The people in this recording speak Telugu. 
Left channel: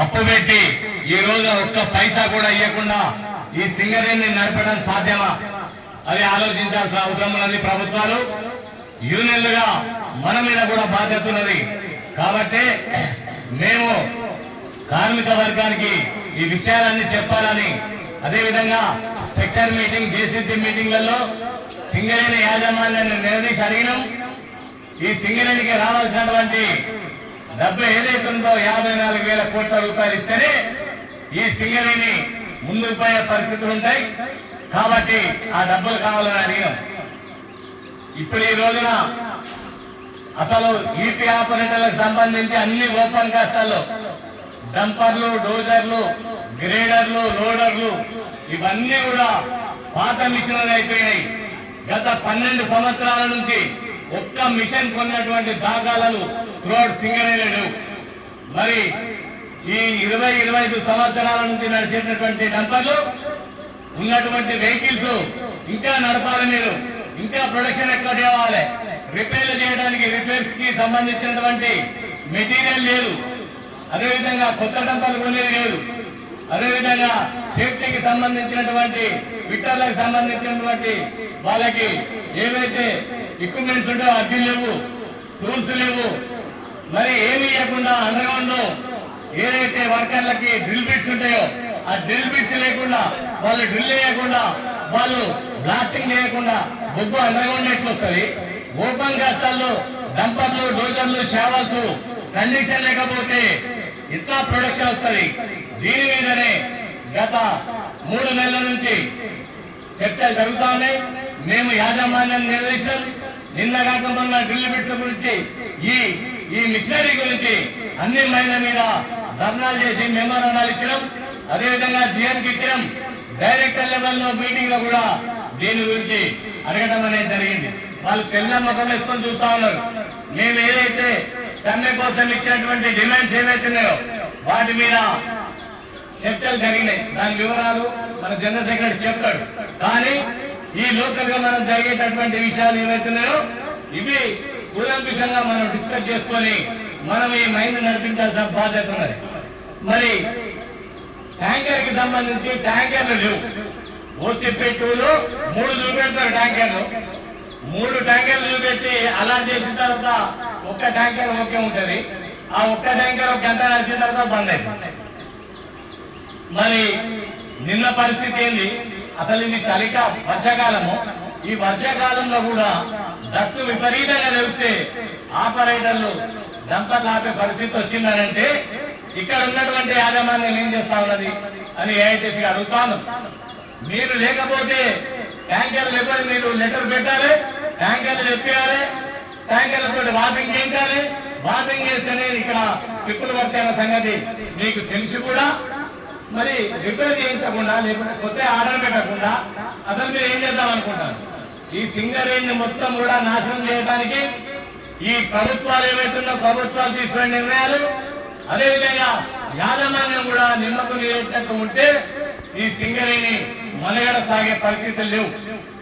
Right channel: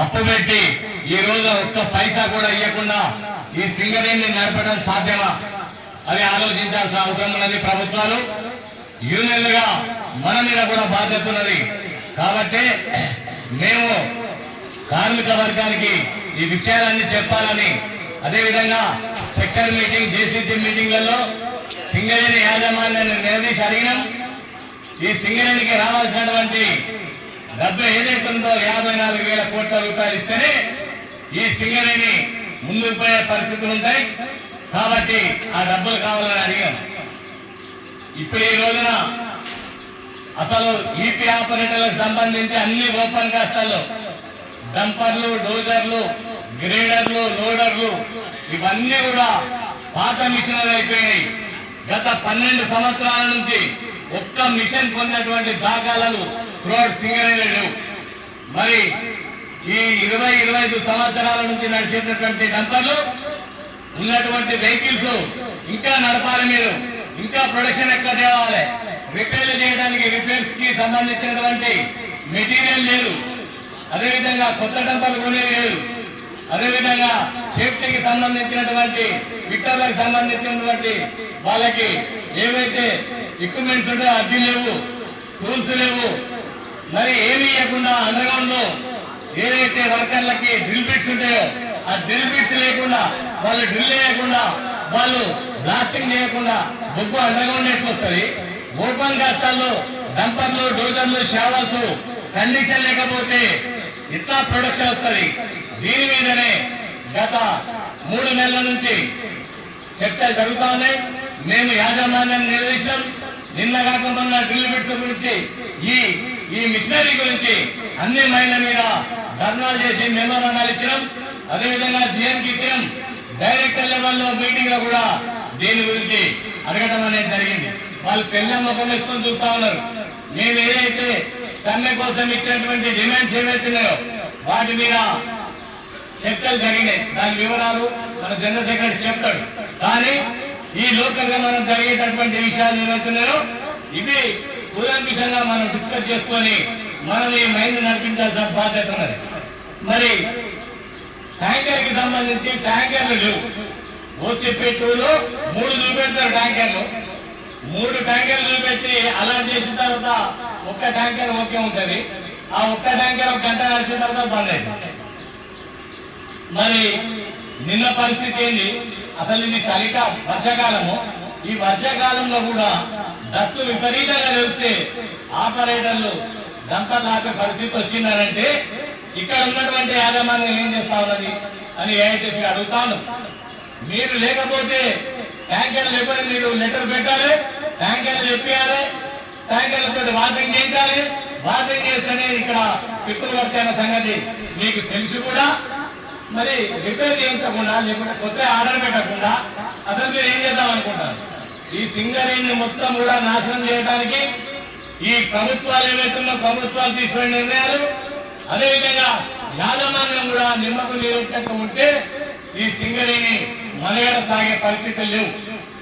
అప్పు పెట్టి ఈ రోజు ఒక్క పైసా కూడా ఇవ్వకుండా ఈ సింగరేణిని నడపడం సాధ్యమా? అది ఆలోచించాల్సిన అవసరం ఉన్నది. ప్రభుత్వాలు యూనియన్లుగా మన మీద కూడా బాధ్యత ఉన్నది. కాబట్టి మేము కార్మిక వర్గానికి ఈ విషయాలన్నీ చెప్పాలని, అదేవిధంగా సెక్షన్ మీటింగ్, జేసీసీ మీటింగ్లలో సింగరేణి యాజమాన్యాన్ని నిలదీసి అడిగినాం. ఈ సింగరేణికి రావాల్సినటువంటి డబ్బు ఏదైతే ఉందో 54,000 కోట్ల రూపాయలు ఇస్తేనే ఈ సింగరేణి ముందుకు పోయే పరిస్థితులు ఉంటాయి. కాబట్టి ఆ డబ్బులు కావాలని అడిగాం. ఇప్పుడు ఈ రోజున అసలు ఈపీ ఆపరేటర్లకు సంబంధించి అన్ని ఓపెన్ కాస్టాల్లో డంపర్లు, డోజర్లు, గ్రేడర్లు, లోడర్లు ఇవన్నీ కూడా పాత మిషన్లు అయిపోయినాయి. గత 12 సంవత్సరాల నుంచి ఒక్క మిషన్ పొందినటువంటి దాఖలాలు త్రూఅవుట్ సింగరేణిలో లేవు. మరి ఈ 20-25 సంవత్సరాల నుంచి నడిచేటటువంటి డంపర్లు ఉన్నటువంటి వెహికల్స్ ఇంకా నడపాలి. మీరు ఇంకా ప్రొడక్షన్ ఎక్కడ తేవాలి? రిపేర్లు చేయడానికి రిపేర్స్ కి సంబంధించినటువంటి మెటీరియల్ లేదు. అదేవిధంగా కొత్త డంపర్లు కొనేది లేదు. అదేవిధంగా సేఫ్టీకి సంబంధించినటువంటి ఫిట్టర్లకు సంబంధించినటువంటి వాళ్ళకి ఏవైతే ఎక్విప్మెంట్స్ ఉంటాయో అది లేవు, టూల్స్ లేవు. మరి ఏమీ లేకుండా అండర్గ్రౌండ్ లో ఏదైతే వర్కర్లకి డ్రిల్ బిట్స్ ఉంటాయో ఆ డ్రిల్ బిట్స్ లేకుండా, వాళ్ళు డ్రిల్ చేయకుండా, వాళ్ళు బ్లాస్టింగ్ చేయకుండా బొగ్గు అండర్గ్రౌండ్ ఎక్కువస్తుంది. ఓపెన్ కాస్టాల్లో డంపర్లు, డోజర్లు, షావల్స్ కండిషన్ లేకపోతే ఇట్లా ప్రొడక్షన్ వస్తుంది. దీని మీదనే గత 3 నెలల నుంచి చర్చలు జరుగుతా ఉన్నాయి. మేము యాజమాన్యాన్ని నిలదీశాం. నిన్న కాకుండా డ్రిల్ బిట్ల గురించి, ఈ మిషనరీ గురించి అన్ని మైళ్ళ మీద ధర్నాలు చేసి మెమోరాండాలు ఇచ్చినాం. అదేవిధంగా జీఎంకి ఇచ్చినాం. డైరెక్టర్ లెవెల్లో మీటింగ్ లో కూడా దీని గురించి అడగడం అనేది జరిగింది. వాళ్ళు పెళ్ళ ముఖం వేసుకొని చూస్తా ఉన్నారు. మేము ఏదైతే సమ్మె కోసం ఇచ్చినటువంటి డిమాండ్స్ ఏవైతున్నాయో వాటి మీద చర్చలు జరిగినాయి. దాని వివరాలు మన జనరల్ సెక్రటరీ చెప్తాడు. కానీ ఈ లోకల్ గా మనం జరిగేటటువంటి విషయాలు ఏవైతున్నాయో ఇవి కూలంకుషంగా మనం డిస్కస్ చేసుకొని మనం ఈ మైండ్ నడిపించాల్సిన బాధ్యత ఉన్నది. మరి ట్యాంకర్ కి సంబంధించి ట్యాంకర్లు లేవు. ఓసిపెట్టులో 3 చూపెడతారు ట్యాంకర్లు. 3 ట్యాంకర్లు చూపెట్టి అలాట్ చేసిన తర్వాత ఒక్క ట్యాంకర్ ఓకే ఉంటుంది. ఆ ఒక్క ట్యాంకర్ ఒక గంట నడిచిన తర్వాత బంద్ అయింది. మరి నిన్న పరిస్థితి ఏంది? అసలు ఇది వర్షాకాలము. ఈ వర్షాకాలంలో కూడా డస్ట్ విపరీతంగా లేస్తే ఆపరేటర్లు డంపర్లు ఆపే పరిస్థితి వచ్చిందనంటే ఇక్కడ ఉన్నటువంటి యాజమాన్యం ఏం చేస్తా ఉన్నది అని ఏఐటీసీ అడుగుతాను. మీరు లేకపోతే ట్యాంకర్లు ఎవరు మీరు లెటర్ పెట్టాలి, ట్యాంకర్లు చెప్పాలి, ట్యాంకర్లతో వాషింగ్ చేయించాలి. వాషింగ్ చేస్తేనే ఇక్కడ పిప్పులు పడతాయన్న సంగతి మీకు తెలిసి కూడా మరి రిపేర్ చేయించకుండా, లేకపోతే కొత్త ఆర్డర్ పెట్టకుండా అసలు మీరు ఏం చేద్దాం అనుకుంటారు? ఈ సింగరేణిని మొత్తం కూడా నాశనం చేయడానికి ఈ ప్రభుత్వాలు ఏవైతున్నా ప్రభుత్వాలు తీసుకునే నిర్ణయాలు, అదేవిధంగా యాజమాన్యం కూడా నిమ్మకు నీరు ఉంటే ఈ సింగరేణి మనుగడ సాగే పరిస్థితులు లేవు.